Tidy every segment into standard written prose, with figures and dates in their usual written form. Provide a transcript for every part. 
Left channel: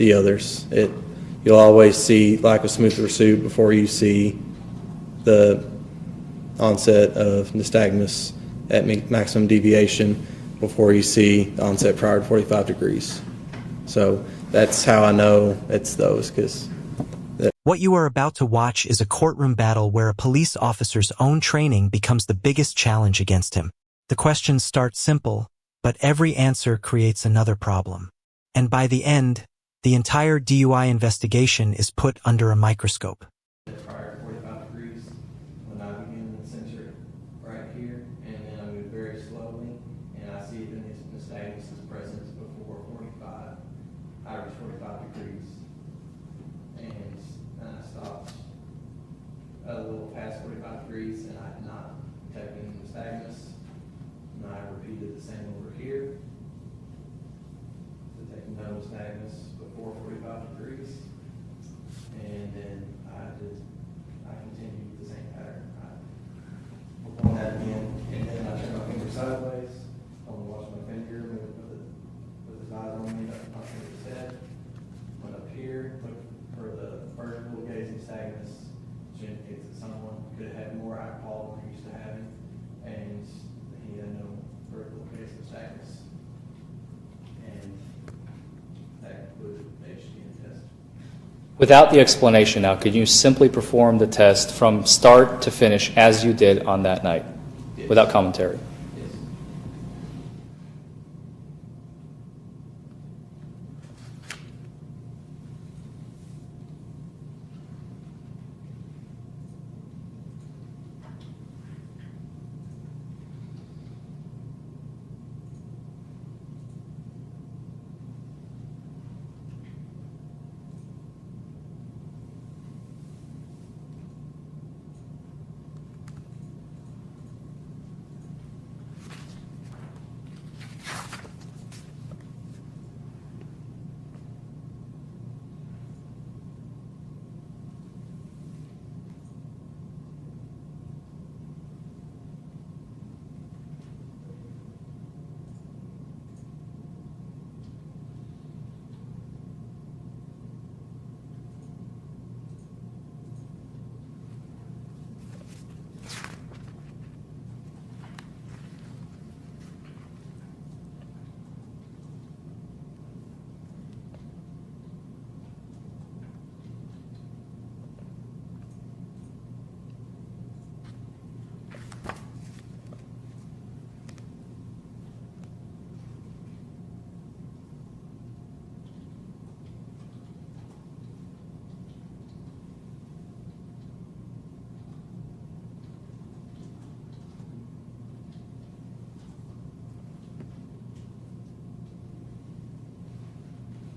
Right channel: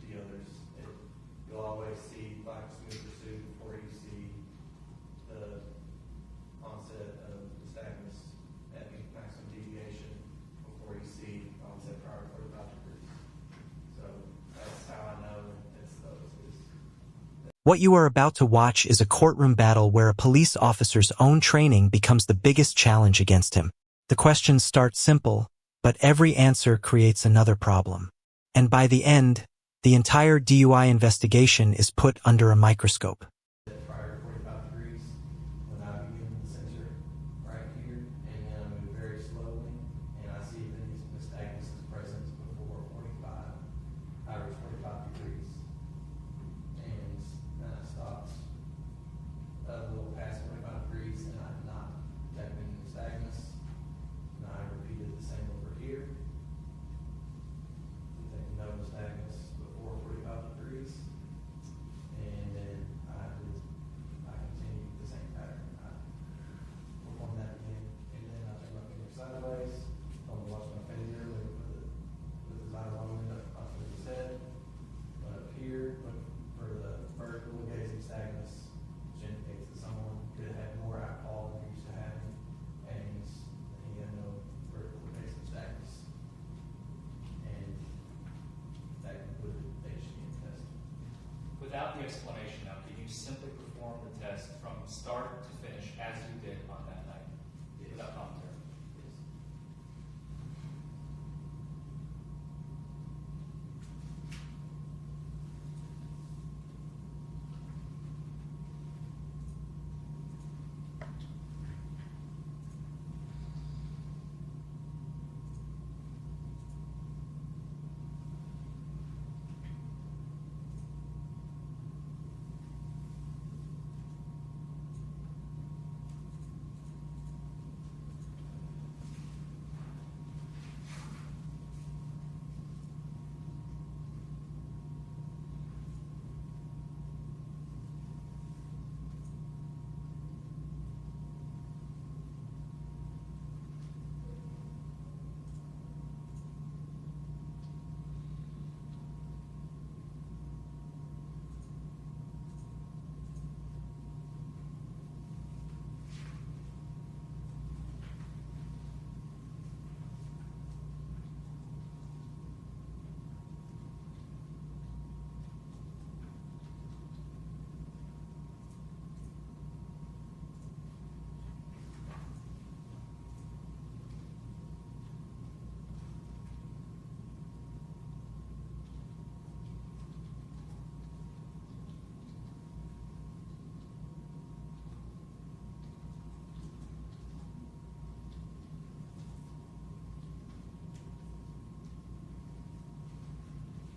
the others. You'll always see lack of smooth pursuit before you see the onset of nystagmus at maximum deviation, before you see the onset prior to 45 degrees. So that's how I know it's those, because what you are about to watch is a courtroom battle where a police officer's own training becomes the biggest challenge against him. The questions start simple, but every answer creates another problem. And by the end, the entire DUI investigation is put under a microscope. Prior to 45 degrees, when I begin the sensor right here, and then I move very slowly, and I see the nystagmus is present before 45, average 45 degrees. And I stopped a little past 45 degrees, and I had not detected any nystagmus. And I repeated the same over here, detecting no nystagmus before 45 degrees. And then I continued the same pattern. I performed that again, and then I turn my finger sideways. I'm gonna watch my finger move with his eyes on me, my finger to his head. Went up here, look for the vertical gaze nystagmus, which indicates that someone could have more alcohol than they're used to having, and he had no vertical gaze nystagmus. And that concluded the HDN test. Without the explanation now, could you simply perform the test from start to finish as you did on that night, without commentary? Yes.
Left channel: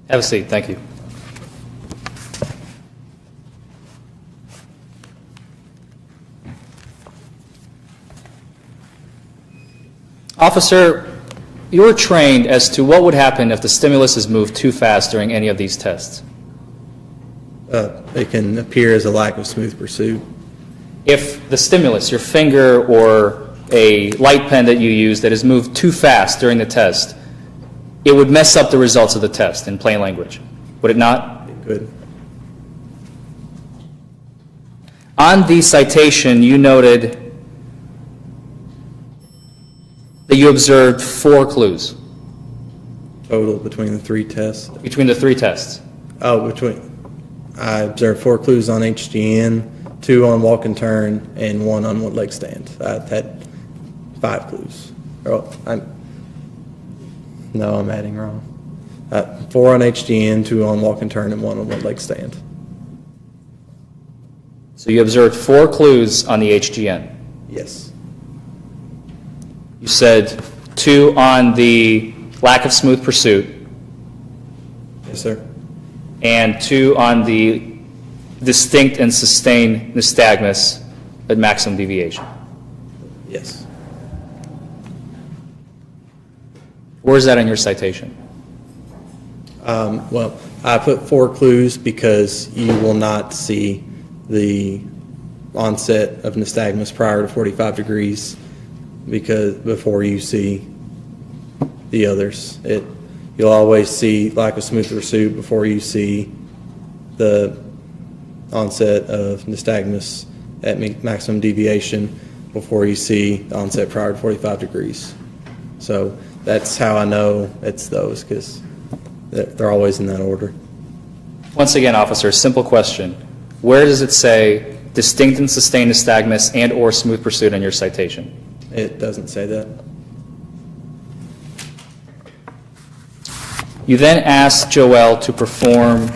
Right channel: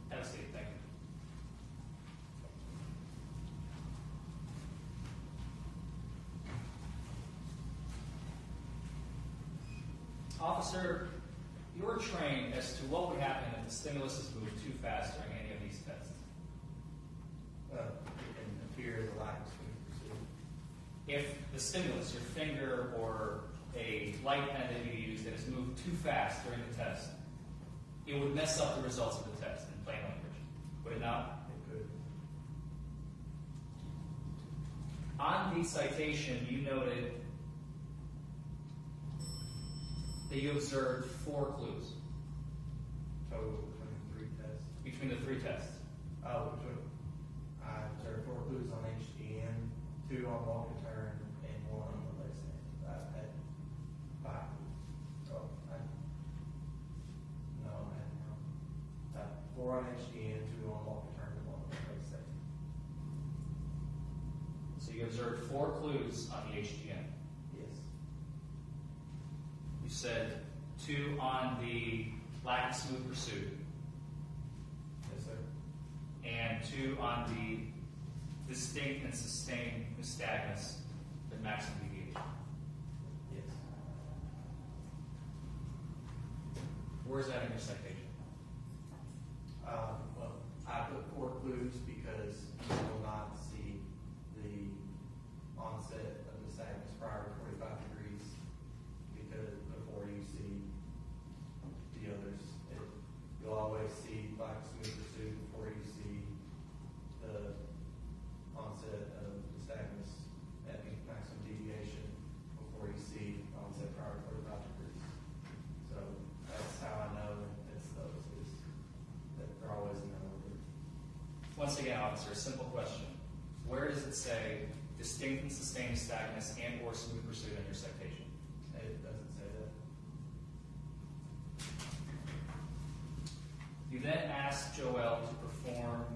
Have a seat. Thank you. Officer, you were trained as to what would happen if the stimulus is moved too fast during any of these tests. It can appear as a lack of smooth pursuit. If the stimulus, your finger or a light pen that you use, that is moved too fast during the test, it would mess up the results of the test in plain language, would it not? It could. On the citation, you noted that you observed 4 clues. Total between the 3 tests. Between the 3 tests. I observed 4 clues on HGN, 2 on walk and turn, and 1 on one leg stand. I had 5 clues. I'm adding wrong. 4 on HGN, 2 on walk and turn, and 1 on one leg stand. So you observed 4 clues on the HGN. Yes. You said 2 on the lack of smooth pursuit. Yes, sir. And 2 on the distinct and sustained nystagmus at maximum deviation. Yes. Where is that in your citation? Well, I put 4 clues because you will not see the onset of nystagmus prior to 45 degrees before you see the others. you'll always see lack of smooth pursuit before you see the onset of nystagmus at maximum deviation, before you see the onset prior to 45 degrees. So that's how I know it's those, because they're always in that order. Once again, officer, simple question. Where does it say distinct and sustained nystagmus and or smooth pursuit on your citation? It doesn't say that. You then asked Joel to perform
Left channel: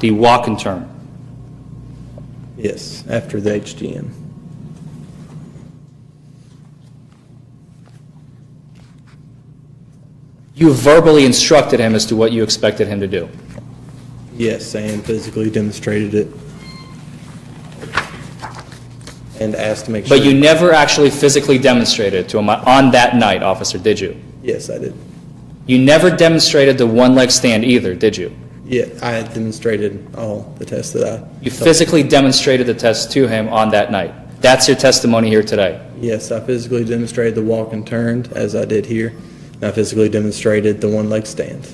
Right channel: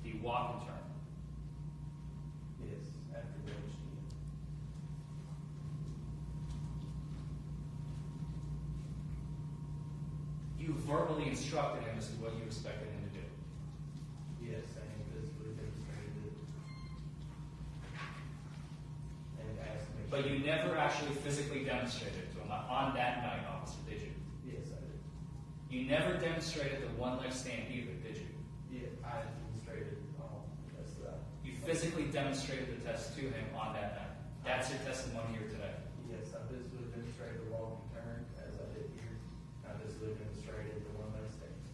the walk and turn. Yes, after the HGM. You verbally instructed him as to what you expected him to do. Yes, and physically demonstrated it. And asked to make sure. But you never actually physically demonstrated it to him on that night, officer, did you? Yes, I did. You never demonstrated the one-leg stand either, did you? Yeah, I had demonstrated all the tests that I... You physically demonstrated the test to him on that night. That's your testimony here today. Yes, I physically demonstrated the walk and turned, as I did here. And I physically demonstrated the one-leg stand.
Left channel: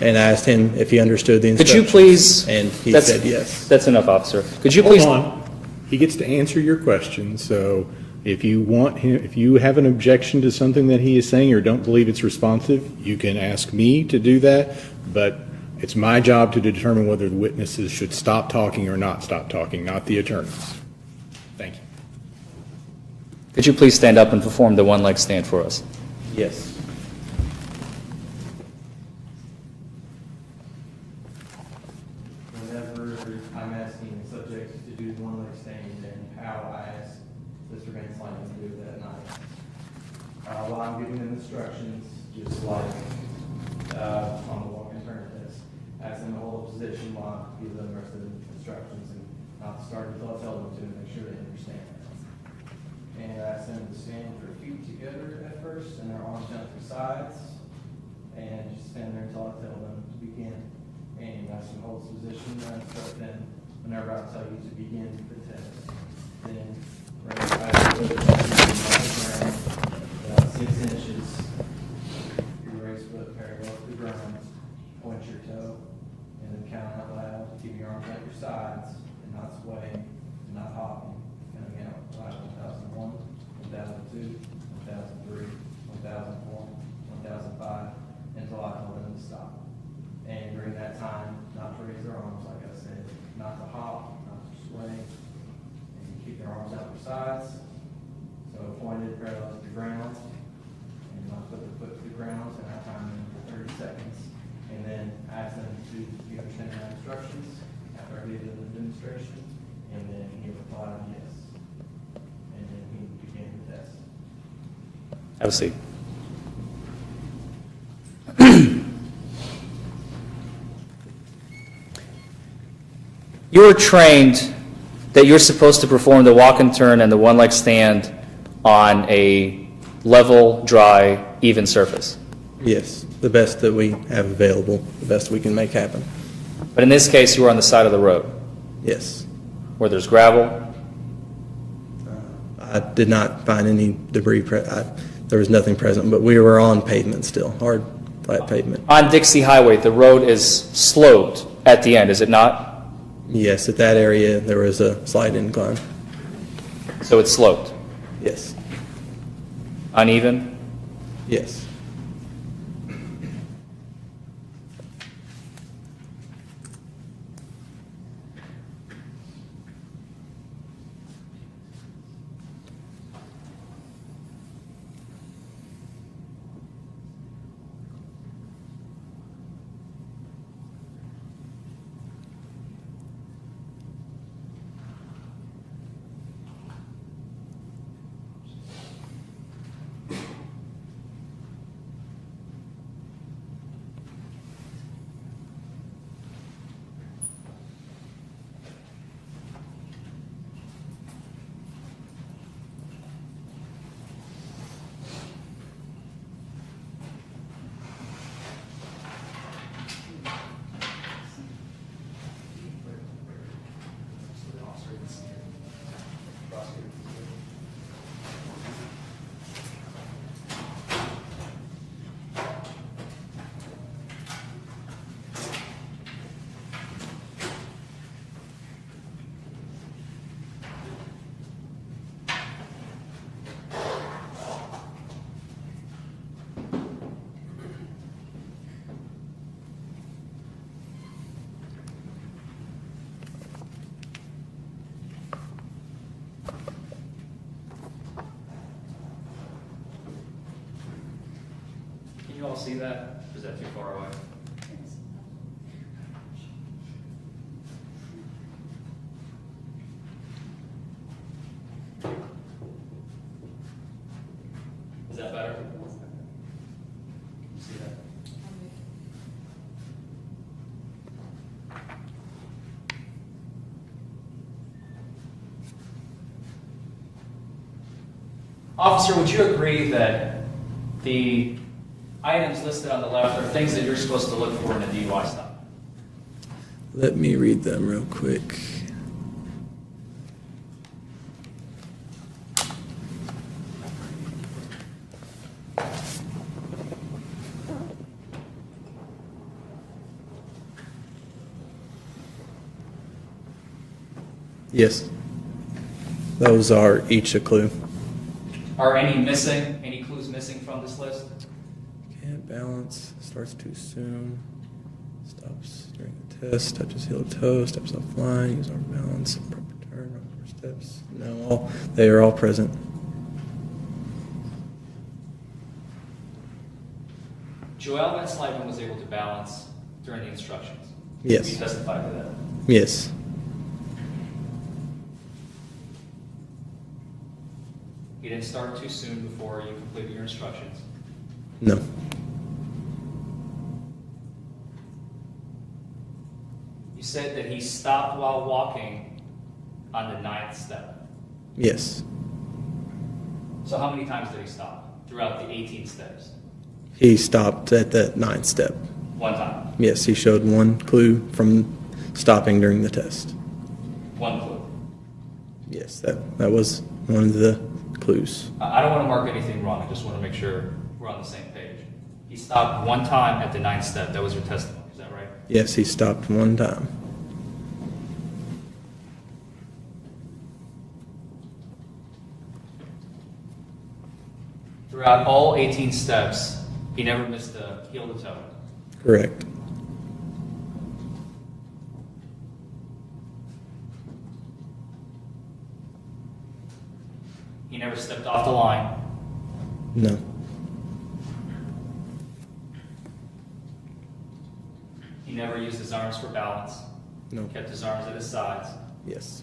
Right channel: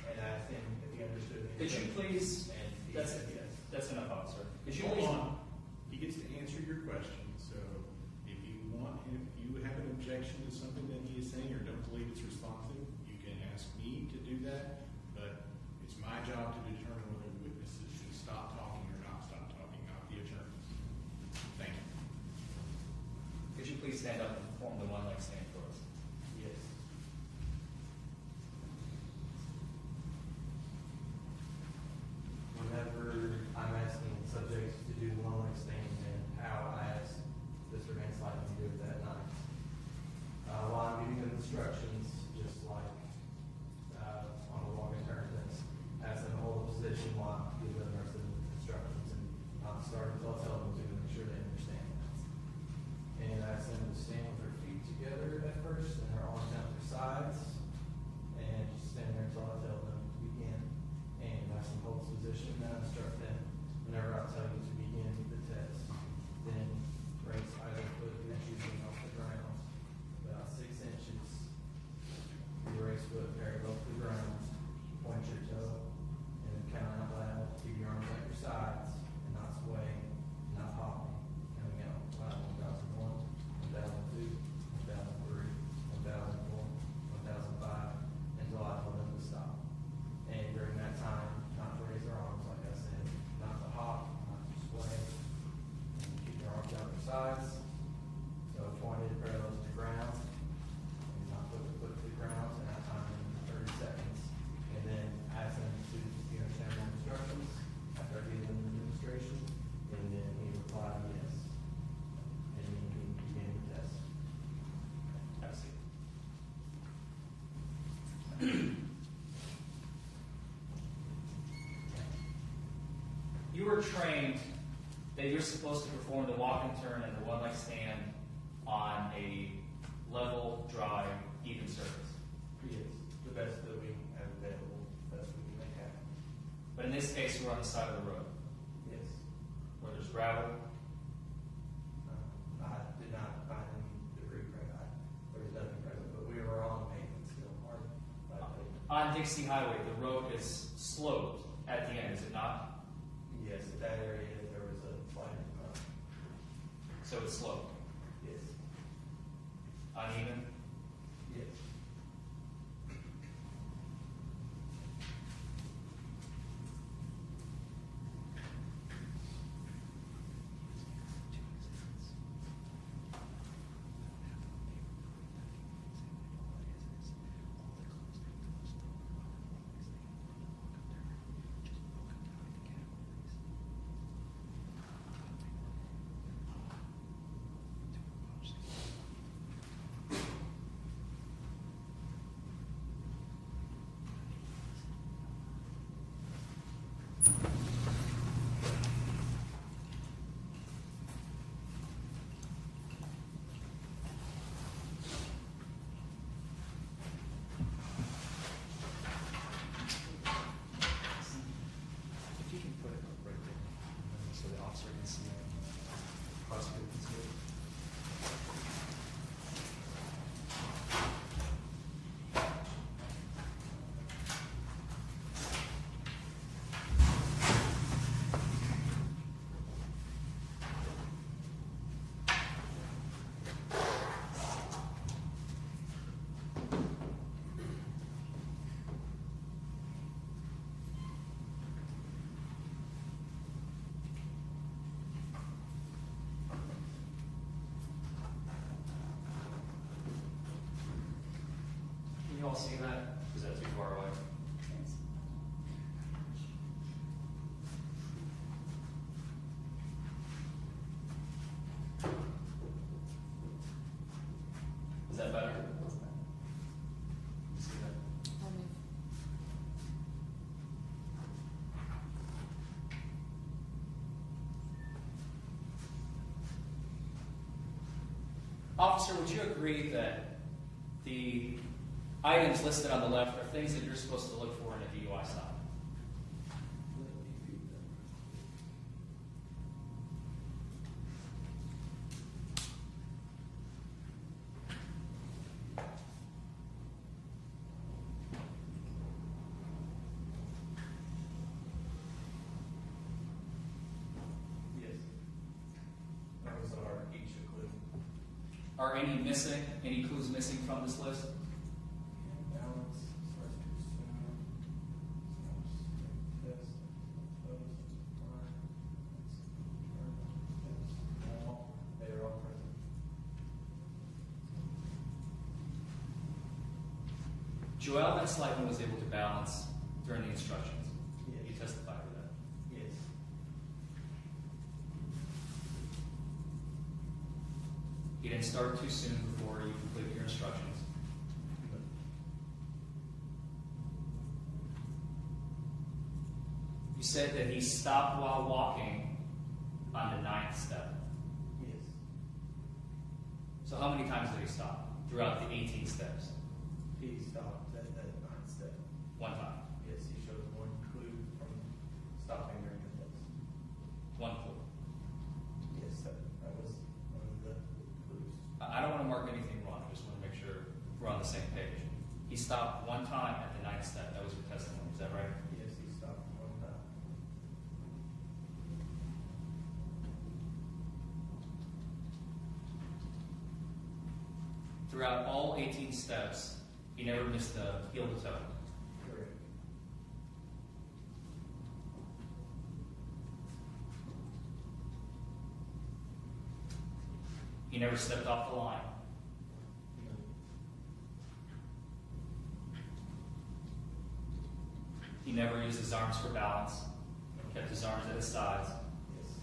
And I asked him if he understood the Could instructions. you please... And he said yes. That's enough, officer. Could you please... Hold on. He gets to answer your question, so if you want him, if you have an objection to something that he is saying or don't believe it's responsive, you can ask me to do that, but it's my job to determine whether the witnesses should stop talking or not stop talking, not the attorneys. Thank you. Could you please stand up and perform the one-leg stand for us? Yes. Whenever I'm asking the subject to do the one-leg stand, and how I asked Mr. Van Slyke to do it that night. While I'm giving them instructions, just like on the walk and turn test, ask them to hold a position while I give them the rest of the instructions, and not start until I tell them to, make sure they understand. And I ask them to stand with their feet together at first, and their arms down to the sides, and just stand there until I tell them to begin. And ask them to hold this position, and I instruct them whenever I tell you to begin the test. Then raise your eyes to the ground, about 6 inches. You raise foot parallel to the ground, point your toe, and then count out loud. Keep your arms at your sides, and not swaying, and not hopping. Counting out loud. 1001, 1002, 1003, 1004, 1005, until I tell them to stop. And during that time, not to raise their arms, like I said, not to hop, not to sway, and keep your arms out your sides, so pointed parallel to the ground, and not put the foot to the ground, and I time them for 30 seconds, and then ask them to, you understand my instructions, after I give them the demonstration, and then he replied yes, and then he began the test. Have a seat. You were trained that you're supposed to perform the walk and turn and the one-leg stand on a level, dry, even surface. Yes, the best that we have available, the best we can make happen. But in this case, you were on the side of the road Yes. where there's gravel. I did not find any debris. There was nothing present, but we were on pavement still, hard, flat pavement. On Dixie Highway, the road is sloped at the end, is it not? Yes, at that area, there was a slight incline. So it's sloped. Yes. Uneven? Yes. all see that? Or is that too far away? Is that better? See that? Officer, would you agree that the items listed on the left are things that you're supposed to look for in a DUI stop? Let me read them real quick. Yes. Those are each a clue. Are any missing? Any clues missing from this list? Can't balance, starts too soon, stops during the test, touches heel to toe, steps offline, use arm balance, proper turn, proper steps. No, they are all present. Joel Van Slyvan was able to balance during the instructions. Yes. You testified to that. Yes. He didn't start too soon before you completed your instructions. No. You said that he stopped while walking on the 9th step. Yes. So how many times did he stop throughout the 18 steps? He stopped at the 9th step. One time. Yes, he showed one clue from stopping during the test. One clue. Yes, that was one of the clues. I don't want to mark anything wrong. I just want to make sure we're on the same page. He stopped one time at the 9th step. That was your testimony. Is that right? Yes, he stopped one time. Throughout all 18 steps, he never missed a heel to toe. Correct. He never stepped off the line. No. He never used his arms for balance. No. Kept his arms at his sides. Yes.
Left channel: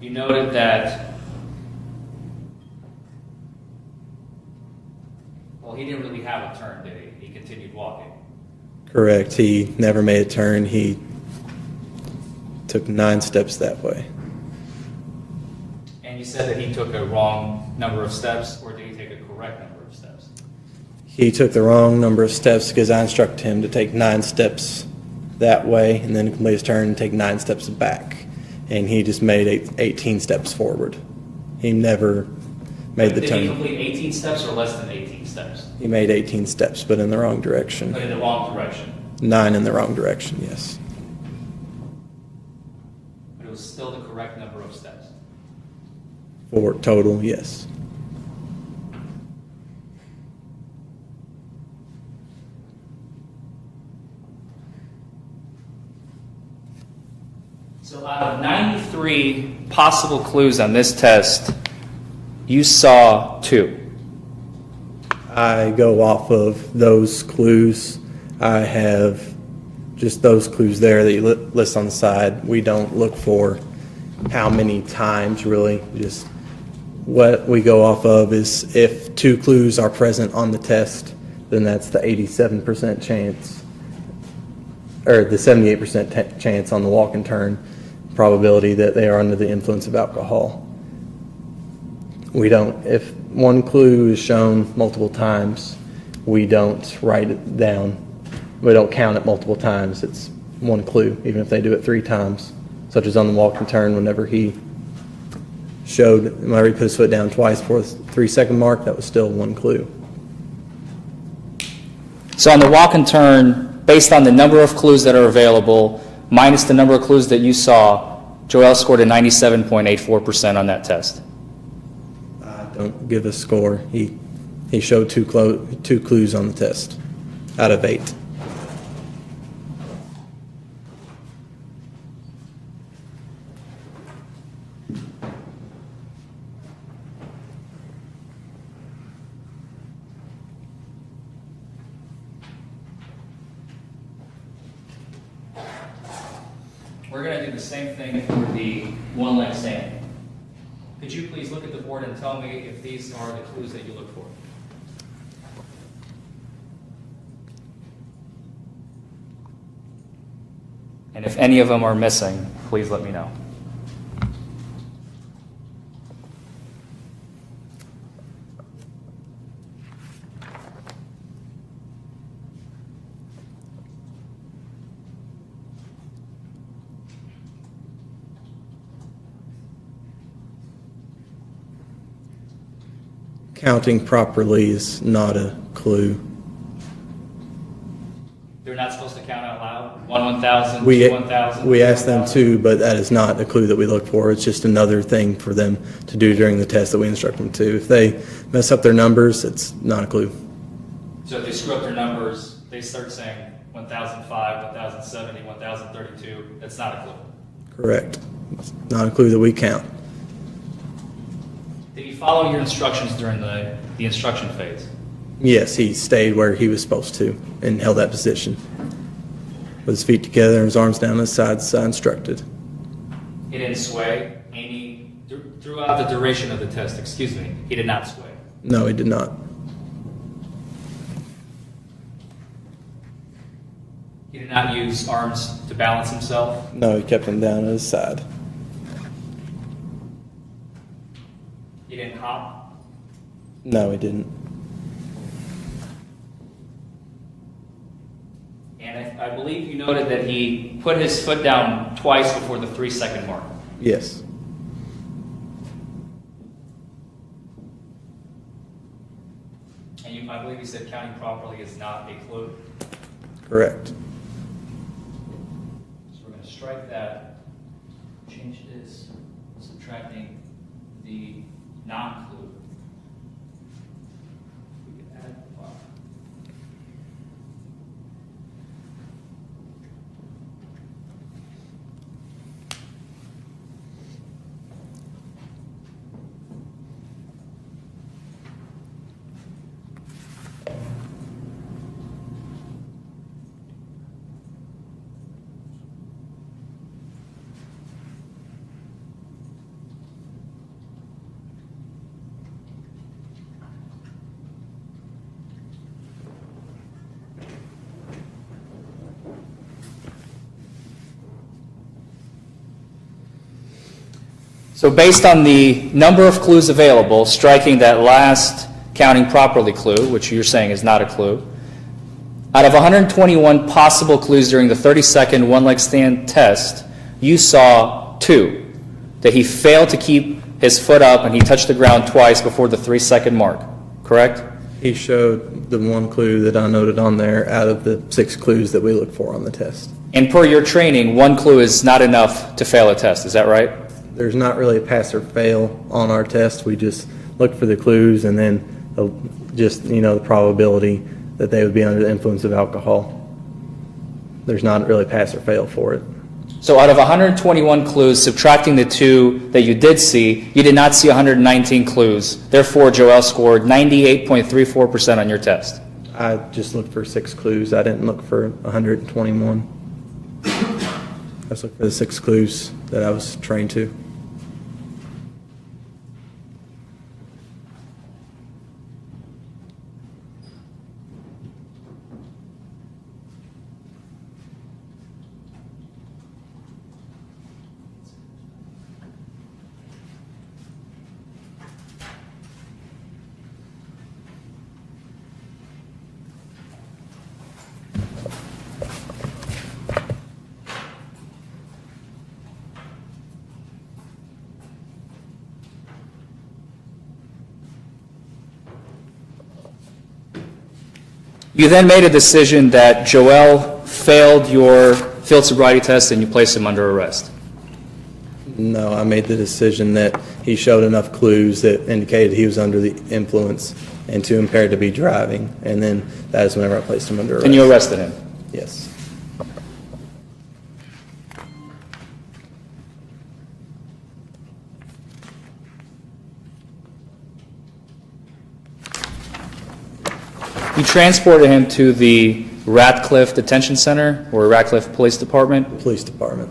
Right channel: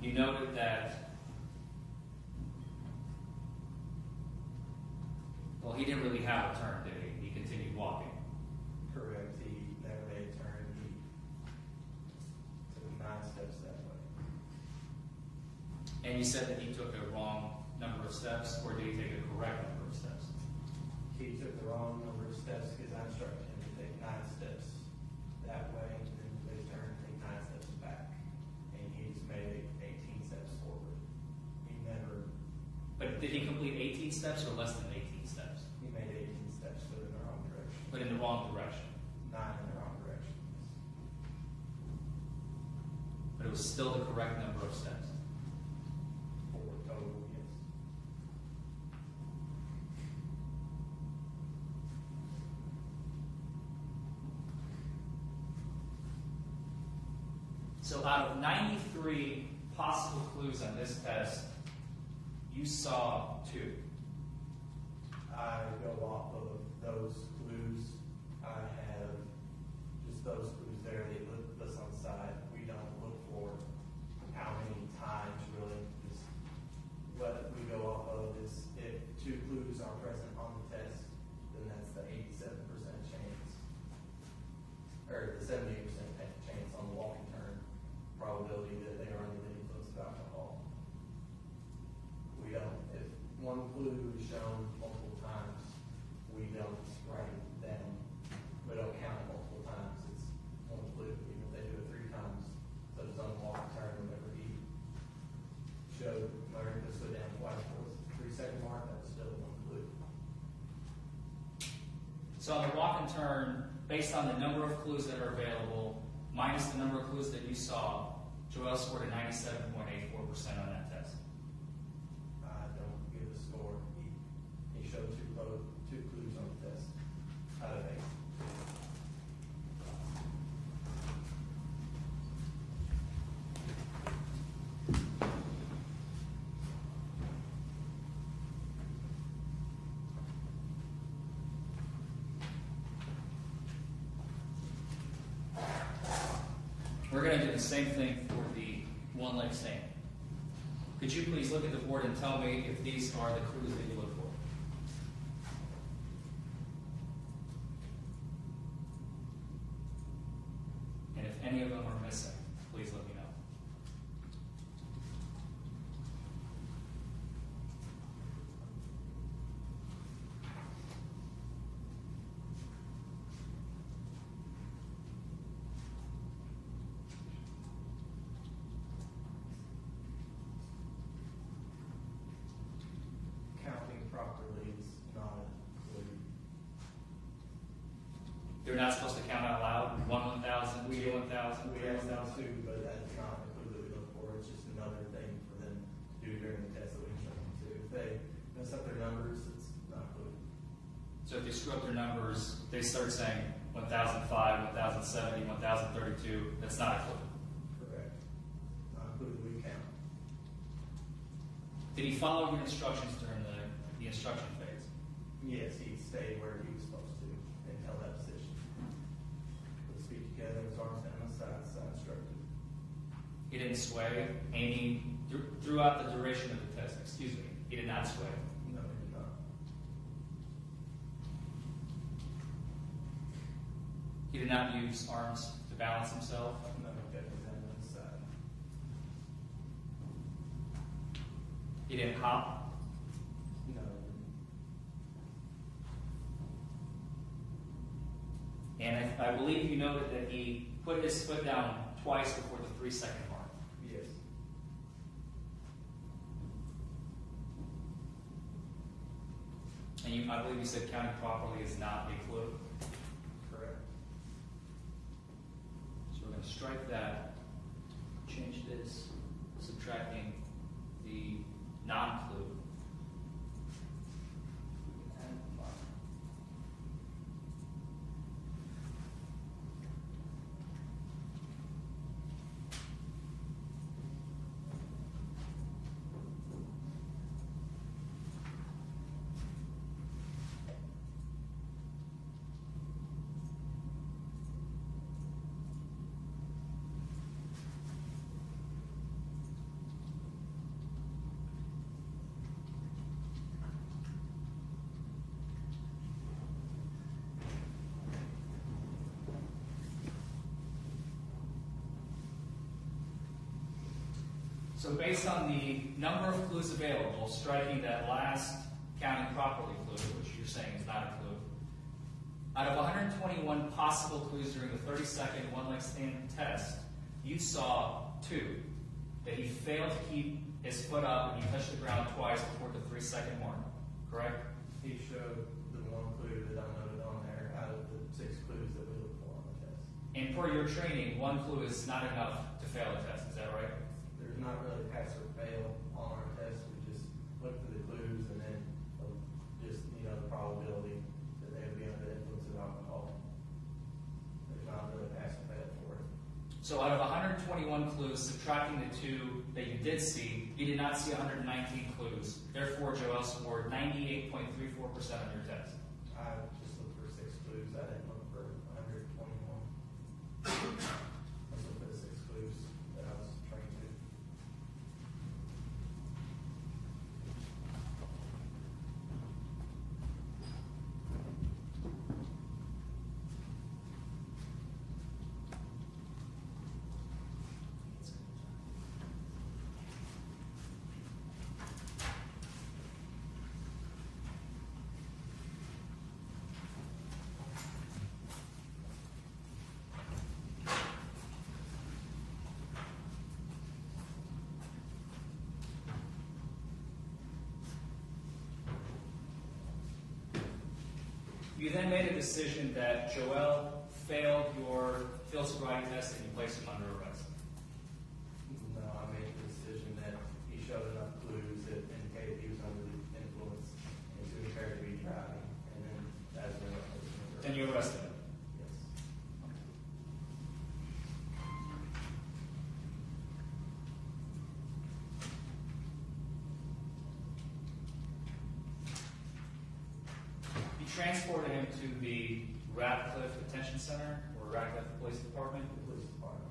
You noted that, well, he didn't really have a turn, did he? He continued walking. Correct. He never made a turn. He took 9 steps that way. And you said that he took a wrong number of steps, or did he take a correct number of steps? He took the wrong number of steps because I instructed him to take 9 steps that way and then complete his turn and take 9 steps back. And he just made 18 steps forward. He never made the Did he turn. complete 18 steps or less than 18 steps? He made 18 steps, but in the wrong direction. But in the wrong direction. 9 in the wrong direction, yes. But it was still the correct number of steps. For total, yes. So out of 93 possible clues on this test, you saw 2. I go off of those clues. I have just those clues there that you list on the side. We don't look for how many times, really. Just what we go off of is if 2 clues are present on the test, then that's the 87% chance, or the 78% chance on the walk and turn probability that they are under the influence of alcohol. We don't, if one clue is shown multiple times, we don't write it down. We don't count it multiple times. It's one clue, even if they do it 3 times, such as on the walk and turn whenever he showed, whenever he put his foot down twice for the 3-second mark, that was still one clue. So on the walk and turn, based on the number of clues that are available, minus the number of clues that you saw, Joel scored a 97.84% on that test. Don't give a score. He showed 2 clues on the test out of 8. the same thing for the one leg stand. Could you please look at the board and tell me if these are the clues that you look for? And if any of them are missing, please let me know. Counting properly is not a clue. They're not supposed to count out loud? 1 1,000, We 2 1,000? we asked them to, but that is not a clue that we look for. It's just another thing for them to do during the test that we instruct them to. If they mess up their numbers, it's not a clue. So if they screw up their numbers, they start saying 1,005, 1,070, 1,032, that's not a clue. Correct. It's not a clue that we count. Did he follow your instructions during the instruction phase? Yes, he stayed where he was supposed to and held that position. With his feet together and his arms down his sides as I instructed. He didn't sway throughout the duration of the test, excuse me, he did not sway. No, he did not. He did not use arms to balance himself. No, he kept him down at his side. He didn't hop. No, he didn't. And I believe you noted that he put his foot down twice before the 3-second mark. Yes. And I believe you said counting properly is not a clue. Correct. So we're going to strike that, change this, subtracting the non-clue. We can add 5. So based on the number of clues available, striking that last counting properly clue, which you're saying is not a clue, out of 121 possible clues during the 30-second one-leg stand test, you saw 2. That he failed to keep his foot up and he touched the ground twice before the 3-second mark, correct? He showed the one clue that I noted on there out of the 6 clues that we look for on the test. And per your training, 1 clue is not enough to fail a test, is that right? There's not really a pass or fail on our test. We just look for the clues and then just, the probability that they would be under the influence of alcohol. There's not really pass or fail for it. So out of 121 clues, subtracting the 2 that you did see, you did not see 119 clues. Therefore, Joel scored 98.34% on your test. I just looked for 6 clues. I didn't look for 121. I just looked for the 6 clues that I was trained to. You then made a decision that Joel failed your field sobriety test and you placed him under arrest. No, I made the decision that he showed enough clues that indicated he was under the influence and too impaired to be driving. And then that is whenever I placed him under arrest. And you arrested him? Yes. You transported him to the Ratcliffe Detention Center or Ratcliffe Police Department? Police department.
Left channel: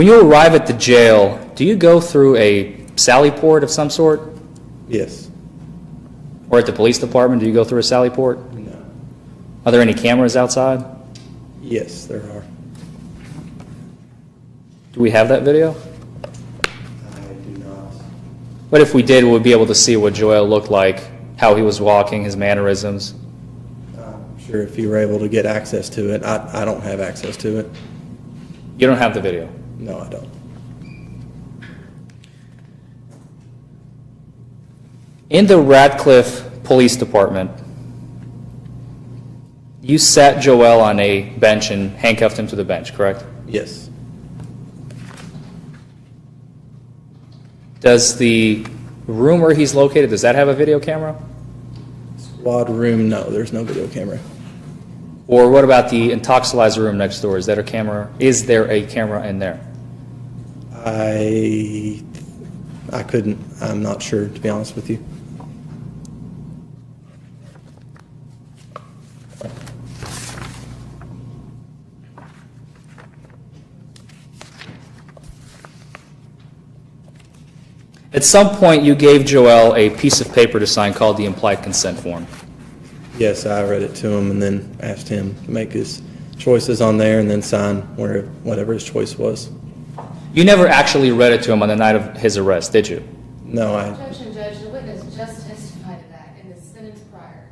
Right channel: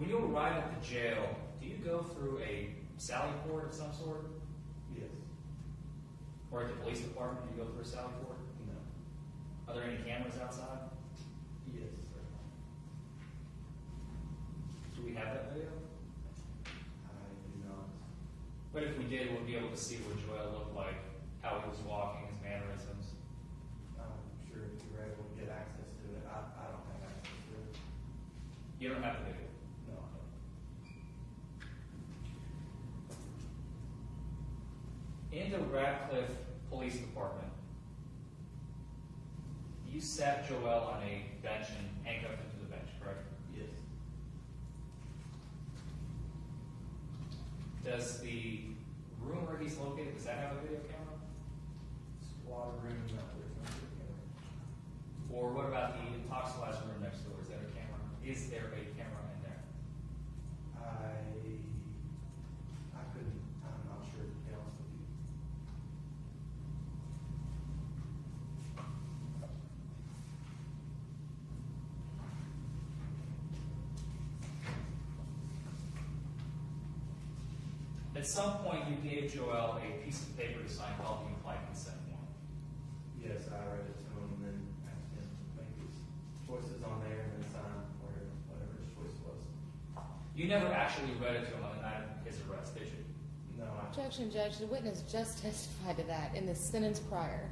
When you arrive at the jail, do you go through a sally port of some sort? Yes. Or at the police department, do you go through a sally port? No. Are there any cameras outside? Yes, there are. Do we have that video? I do not. But if we did, we would be able to see what Joel looked like, how he was walking, his mannerisms. I'm sure if you were able to get access to it, I don't have access to it. You don't have the video. No, I don't. In the Radcliffe Police Department, you sat Joel on a bench and handcuffed him to the bench, correct? Yes. Does the room where he's located, does that have a video camera? Squad room, no, there's no video camera. Or what about the intoxilizer room next door? Is that a camera? Is there a camera in there? I couldn't, I'm not sure, to be honest with you. At some point, you gave Joel a piece of paper to sign called the implied consent form. Yes, I read it to him and then asked him to make his choices on there and then sign whatever his choice was. You never actually read it to him on the night of his arrest, did you? No, Objection, Judge. The witness just testified to that in the sentence prior.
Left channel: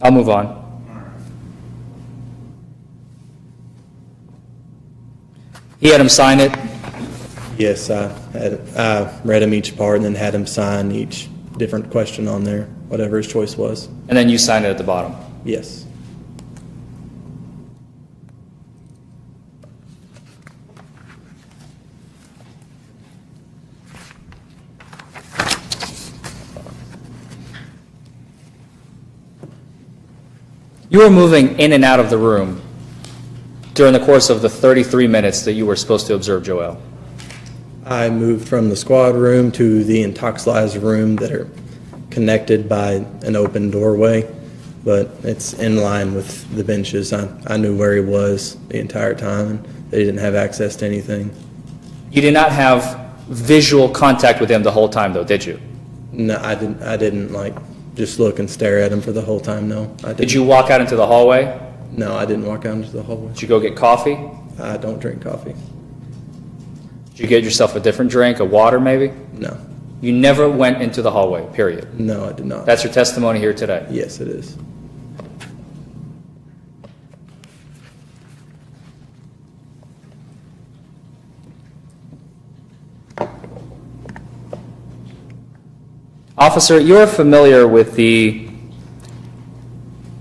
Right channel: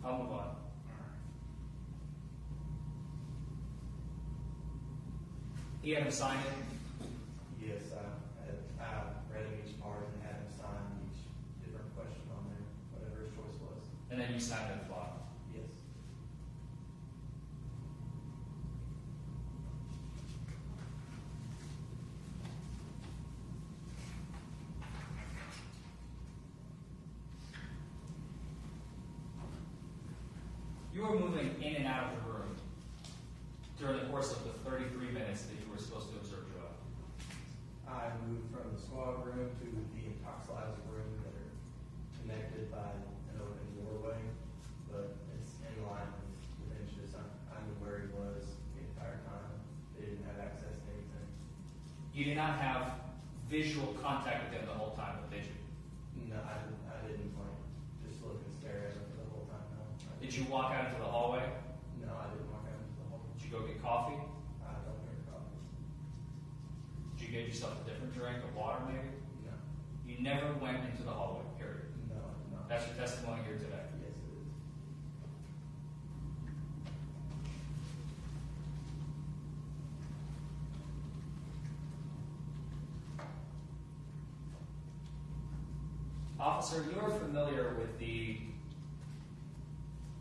I'll move on. He had him sign it. yes, I read him each part and then had him sign each different question on there, whatever his choice was. And then you signed it at the bottom. Yes. You were moving in and out of the room during the course of the 33 minutes that you were supposed to observe Joel. I moved from the squad room to the intoxilizer room that are connected by an open doorway, but it's in line with the benches. I knew where he was the entire time, and they didn't have access to anything. You did not have visual contact with him the whole time, though, did you? No, I didn't like just look and stare at him for the whole time. No, I didn't. Did you walk out into the hallway? No, I didn't walk out into the hallway. Did you go get coffee? I don't drink coffee. Did you get yourself a different drink, a water maybe? No, You never went into the hallway, period. no, I did not. That's your testimony here today. Yes, it is. Officer, you're familiar with the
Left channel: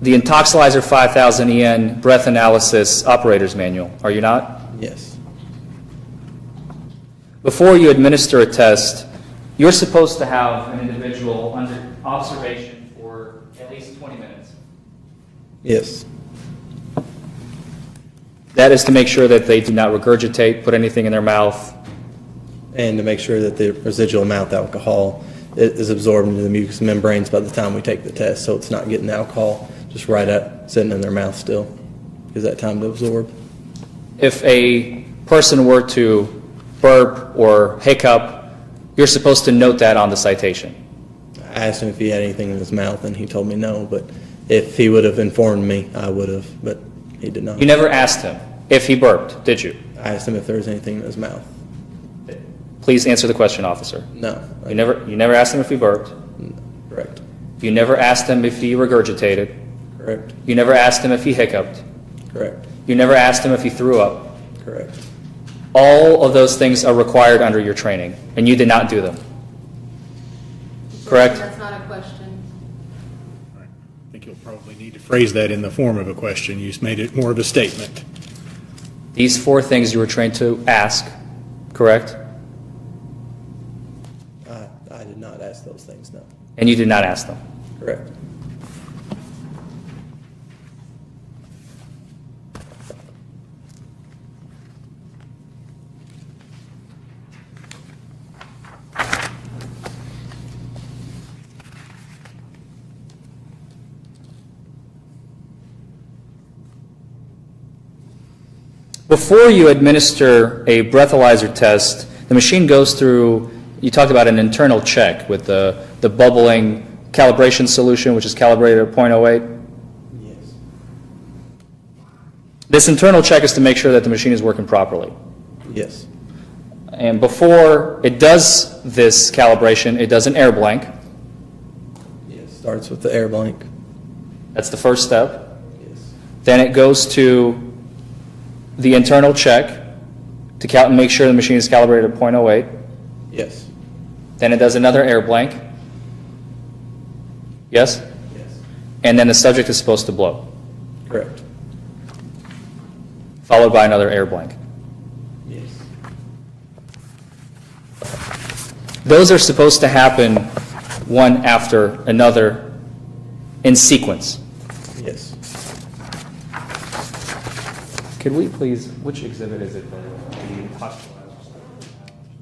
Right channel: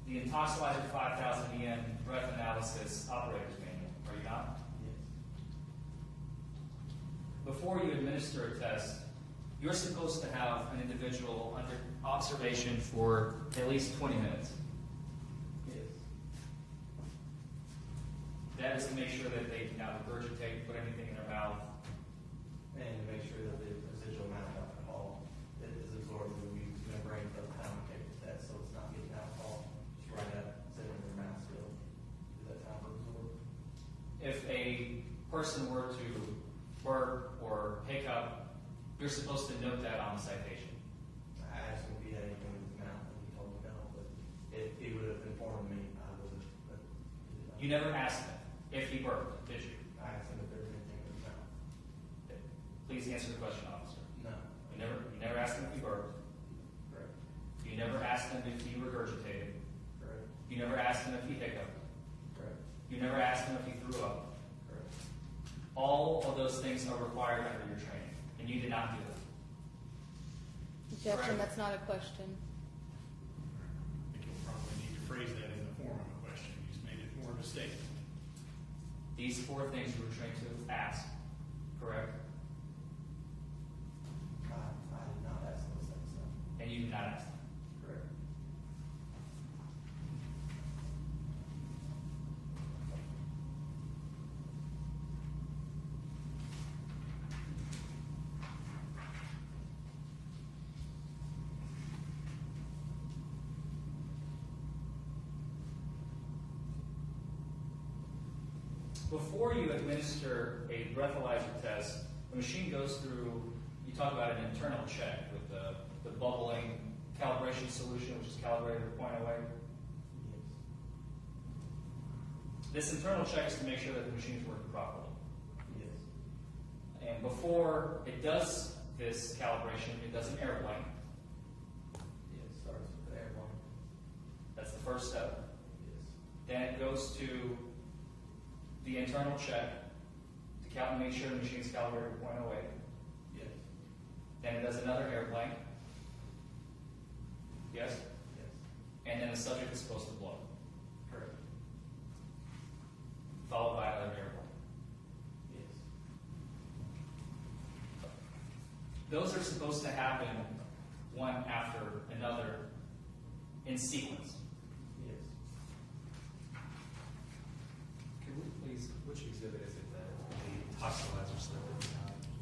Intoxilizer 5000 EN breath analysis operator's manual, are you not? Yes. Before you administer a test, you're supposed to have an individual under observation for at least 20 minutes. Yes. That is to make sure that they do not regurgitate, put anything in their mouth. And to make sure that the residual mouth alcohol is absorbed into the mucous membranes by the time we take the test, so it's not getting the alcohol just right up, sitting in their mouth still. Gives that time to absorb. If a person were to burp or hiccup, you're supposed to note that on the citation. I asked him if he had anything in his mouth, and he told me no, but if he would have informed me, I would have, but he did not. You never asked him if he burped, did you? I asked him if there was anything in his mouth. Please answer the question, officer. No. You never asked him if he burped. Correct. You never asked him if he regurgitated. Correct. You never asked him if he hiccuped. Correct. You never asked him if he threw up. Correct. All of those things are required under your training, and you did not do them. Correct? That's not a question. I think you'll probably need to phrase that in the form of a question. You just made it more of a statement. These four things you were trained to ask, correct? I did not ask those things, no. And you did not ask them. Correct. Before you administer a breathalyzer test, the machine goes through, you talked about an internal check with the bubbling calibration solution, which is calibrated at .08. Yes. This internal check is to make sure that the machine is working properly. Yes. And before it does this calibration, it does an air blank. Yes. Starts with the air blank. That's the first step. Yes. Then it goes to the internal check to make sure the machine is calibrated at .08. Yes. Then it does another air blank. Yes? Yes. And then the subject is supposed to blow, Correct. followed by another air blank. Yes. Those are supposed to happen one after another in sequence. Yes. Could we please, which exhibit is it? The hospitalizer stuff?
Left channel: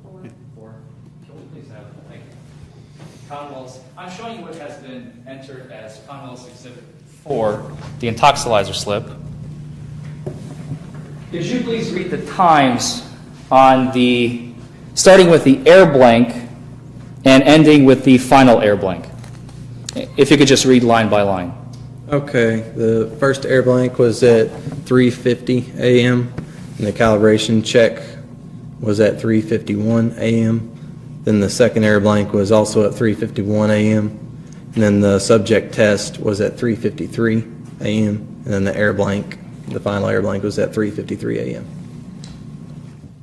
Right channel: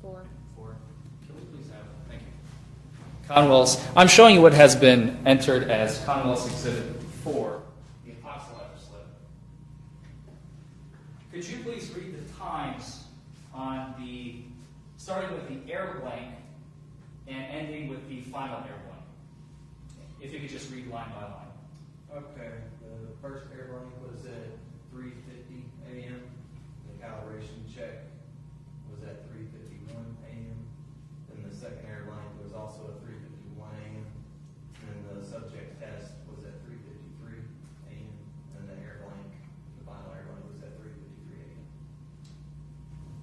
4. Can we please have it? Thank you. Conwell's, I'm showing you what has been entered as Conwell's Exhibit 4, the intoxilizer slip. Could you please read the times on the, starting with the air blank and ending with the final air blank? If you could just read line by line. Okay, the first air blank was at 3:50 a.m. and the calibration check was at 3:51 a.m. Then the second air blank was also at 3:51 a.m. and then the subject test was at 3:53 a.m. and then the air blank, the final air blank, was at 3:53 a.m.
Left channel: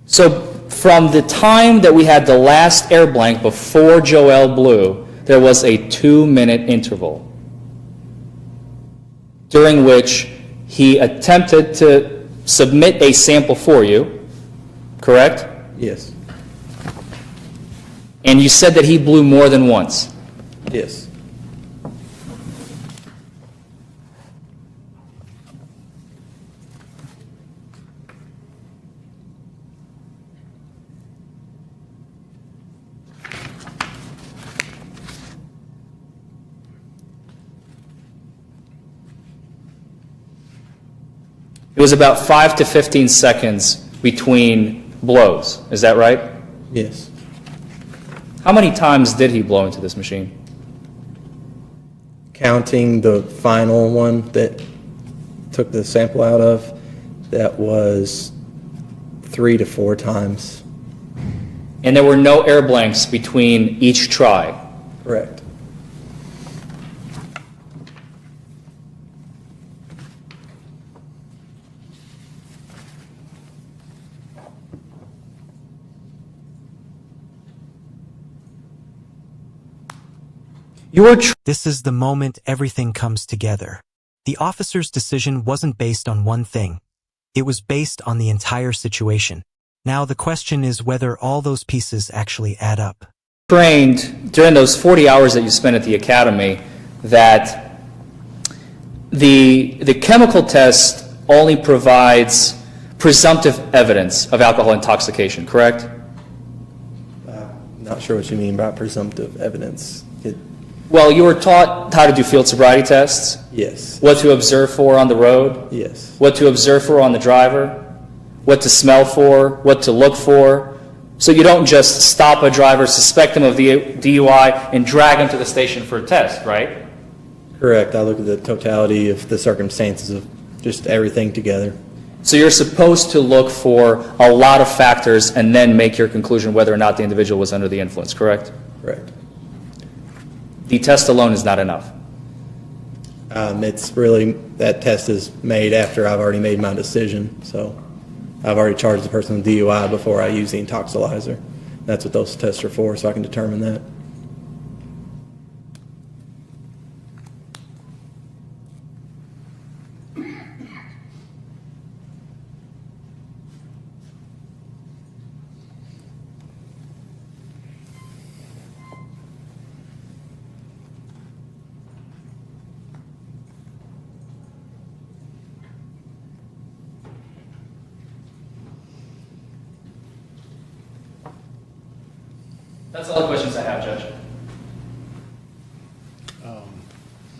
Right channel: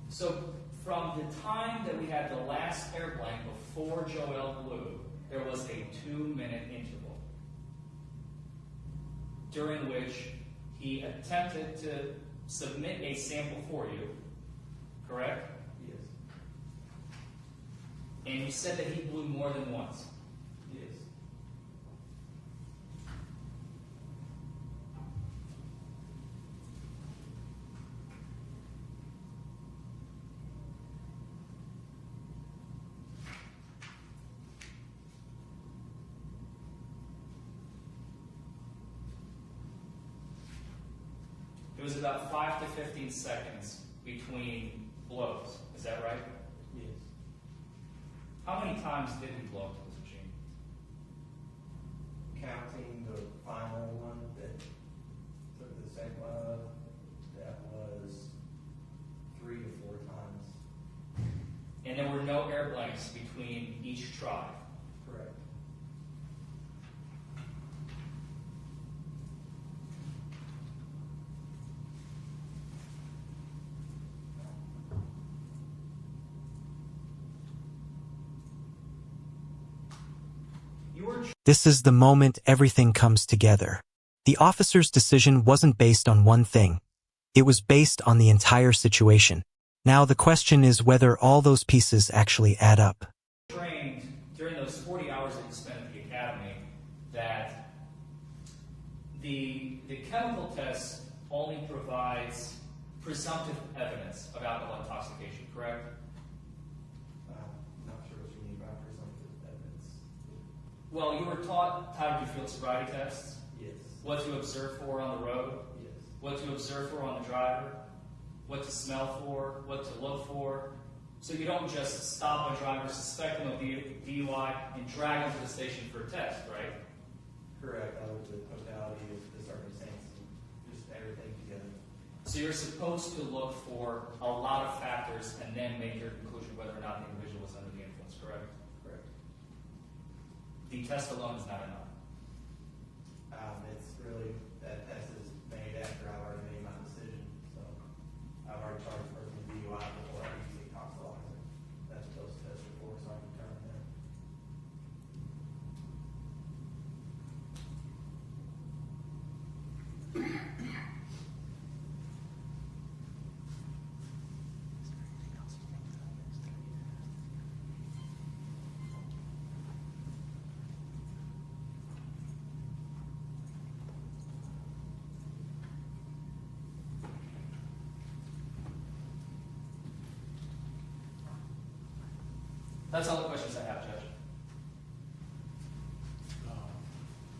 So from the time that we had the last air blank before Joel blew, there was a 2-minute interval during which he attempted to submit a sample for you, correct? Yes. And you said that he blew more than once. Yes. It was about 5 to 15 seconds between blows. Is that right? Yes. How many times did he blow into this machine? Counting the final one that took the sample out of, that was 3 to 4 times. And there were no air blanks between each try. Correct. This is the moment everything comes together. The officer's decision wasn't based on one thing. It was based on the entire situation. Now the question is whether all those pieces actually add up. Trained during those 40 hours that you spent at the academy that the chemical test only provides presumptive evidence of alcohol intoxication, correct? Not sure what you mean by presumptive evidence. Well, you were taught how to do field sobriety tests, Yes. what to observe for on the road, Yes. what to observe for on the driver, what to smell for, what to look for. So you don't just stop a driver, suspect him of DUI, and drag him to the station for a test, right? Correct. I look at the totality of the circumstances of just everything together. So you're supposed to look for a lot of factors and then make your conclusion whether or not the individual was under the influence, correct? Correct. The test alone is not enough. It's really, that test is made after I've already made my decision. So I've already charged the person with DUI before I use the intoxilizer. That's what those tests are for, so I can determine that. That's all the questions I have, Judge.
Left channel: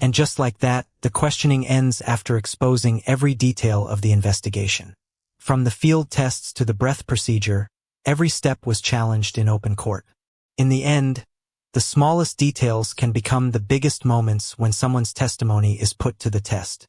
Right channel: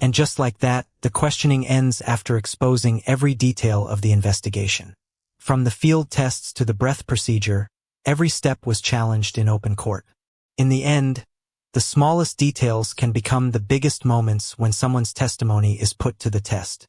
And just like that, the questioning ends after exposing every detail of the investigation. From the field tests to the breath procedure, every step was challenged in open court. In the end, the smallest details can become the biggest moments when someone's testimony is put to the test.